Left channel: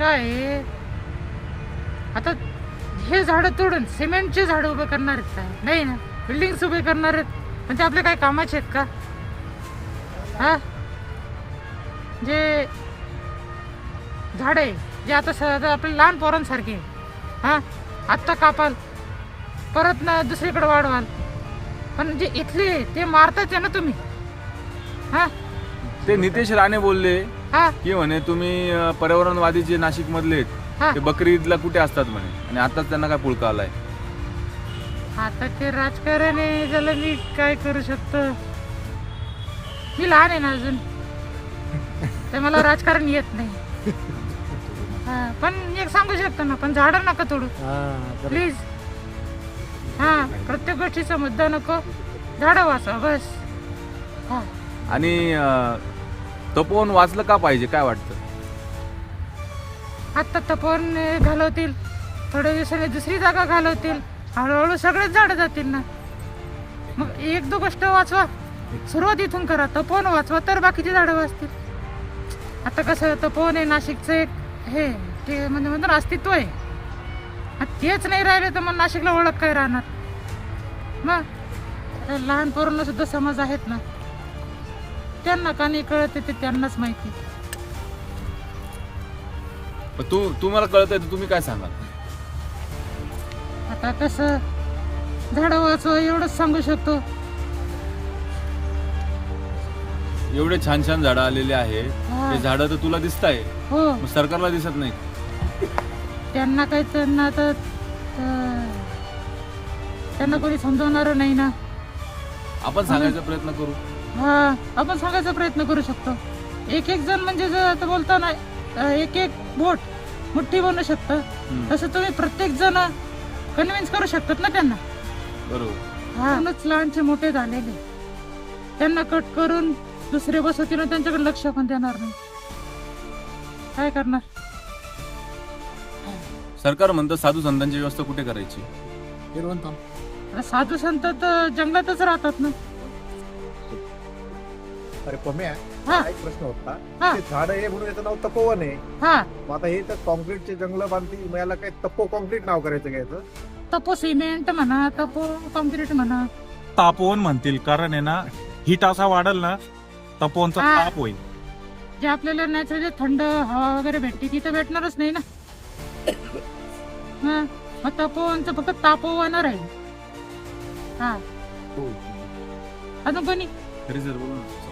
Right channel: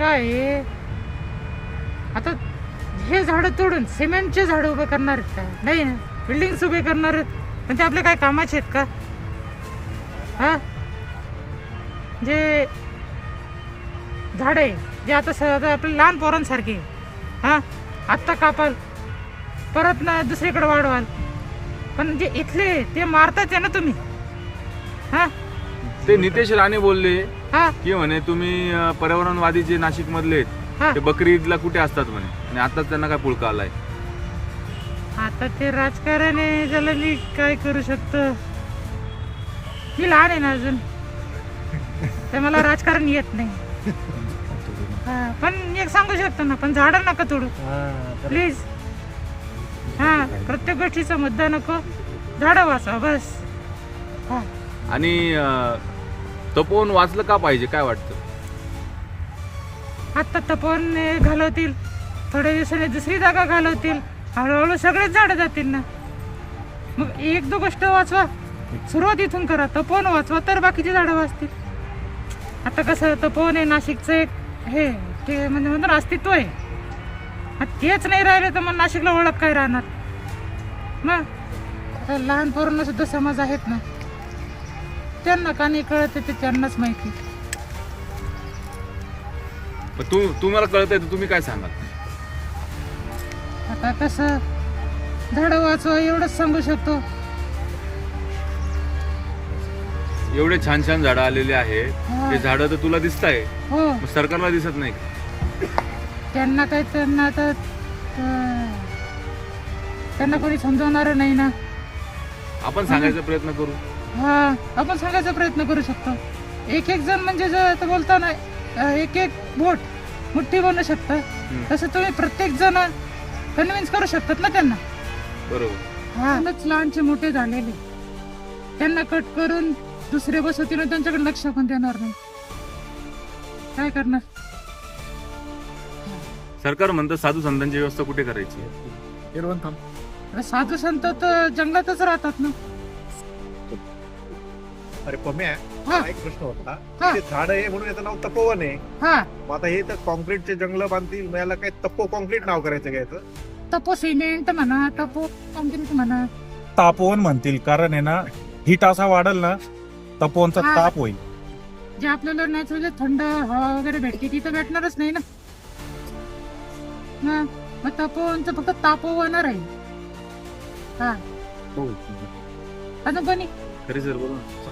काय आहे, आता हे झाडं तोडून सिमेंटची झाडं उभं करणार आहेत का? नाही ना. बिल्डिंग्स उभे करणार आहेत पण ते आपले काय कामाचे आहेत का? हा, जे झाड आहे जे आता आपले लहान पोरांसारखे, हा आत्ता कापाल परत ना दुसरीकडे वाढवाल, पण जे इथले ते मारताच आहे ना तुम्ही. हा ते नितेश राणे बोलले हा की म्हणे तुम्ही पर्यावरणवादी जे नाशिक मधले आहेत हा ते बकरी ईदला कुठे असतात म्हणे, आणि आताच त्यांना काय पुळका आलाय. आता ते राजकारण आहे, त्याला मी काय करू शकतो. मी लहान आहे ना अजून, ते मला राजकारण येत नाही. हा, पण मी एक सांगू शकतो ना, पण झाडं नका तोडू प्लीज. हा, प्रत्येक गोष्टीचा मुद्दा नको, झाडं वाचवा बस. हो, आणि तपोवन वाचलं का पाहिजे, काय वाटतं? आता तपोवन घालवतील, थोड्या दिवसाने दुसरी जागा घालवतील, हळूहळू सगळेच झाडं जातील ना. मग एक दो गोष्ट वाचवा, सुरुवात इथून करा. तपोवन वाचवा तर बाकीची झाडं वाचतील. आता कसं तपोवन आहे नाशिकचं एक हे ते म्हणजे म्हणून अस्तित्व आहे. मग तेच नाही राहिले तर मग नाशिकला ओळख काय राहणार. मग आता लहान पोरांना सुद्धा समाज आहेत ना, त्यांना का नाही कळत ते त्यांनाच माहिती. तुम्हाला कळतंय तर तुम्ही काय सांगाल? आता कसं झाडं वाचवा एवढंच सांगू शकतो. एवढे छान छान झाडं आलेले आहेत, हा. ते झाडं तर तुला दिसत आहे, हो, सरकारला दिसत नाही. त्यांना काही त्यांना आता त्यांना कोणी समजवणार नाही ना. आपण सांगायचा प्रयत्न करू. हा, आपण सांगायचा प्रयत्न करू शकतो. एक एक जण म्हणजे जर आता बोलताना एक एक बोट मुठ्ठी बनवू शकतं, तसं तुम्ही प्रत्येक जण कन्व्हिन्स करू शकतात ना त्यांना. बरोबर. हा, लहानचे मोठे झालेले त्यांना कट करून दुसरे बसवतील ना, त्यांच्याकडे लक्ष पण देणार नाही. काय करणार? सरकार म्हणतं साधू संतांची व्यवस्था कुठे करायची? आता साधू संत तर जंगलातच राहतात ना. अरे पम्या, हा. एक प्रश्न होता. हा. ते झाड आहे म्हणून याचं नाव तपोवन आहे. हा, मग आता हे तर कॉन्क्रीटचे जंगल बांधतील, याला काय तपो कॉन्क्रीट नाव करायचं घ्यायचं? तपो सिमेंट म्हणा, तपो कॉन्क्रीट म्हणा. तापवन म्हणतील, कारण आहे ना हीट असा वाढेल ना, तपोवनचा हा. ताप होईल. जे आपल्याला नॅचरली थंड हवा वगैरे भेटते ती तर भेटणारच नाही ना. हा, मग तपोवनचं फक्त तापवन राहील. हा, अजून कोणी खरी सर बोला.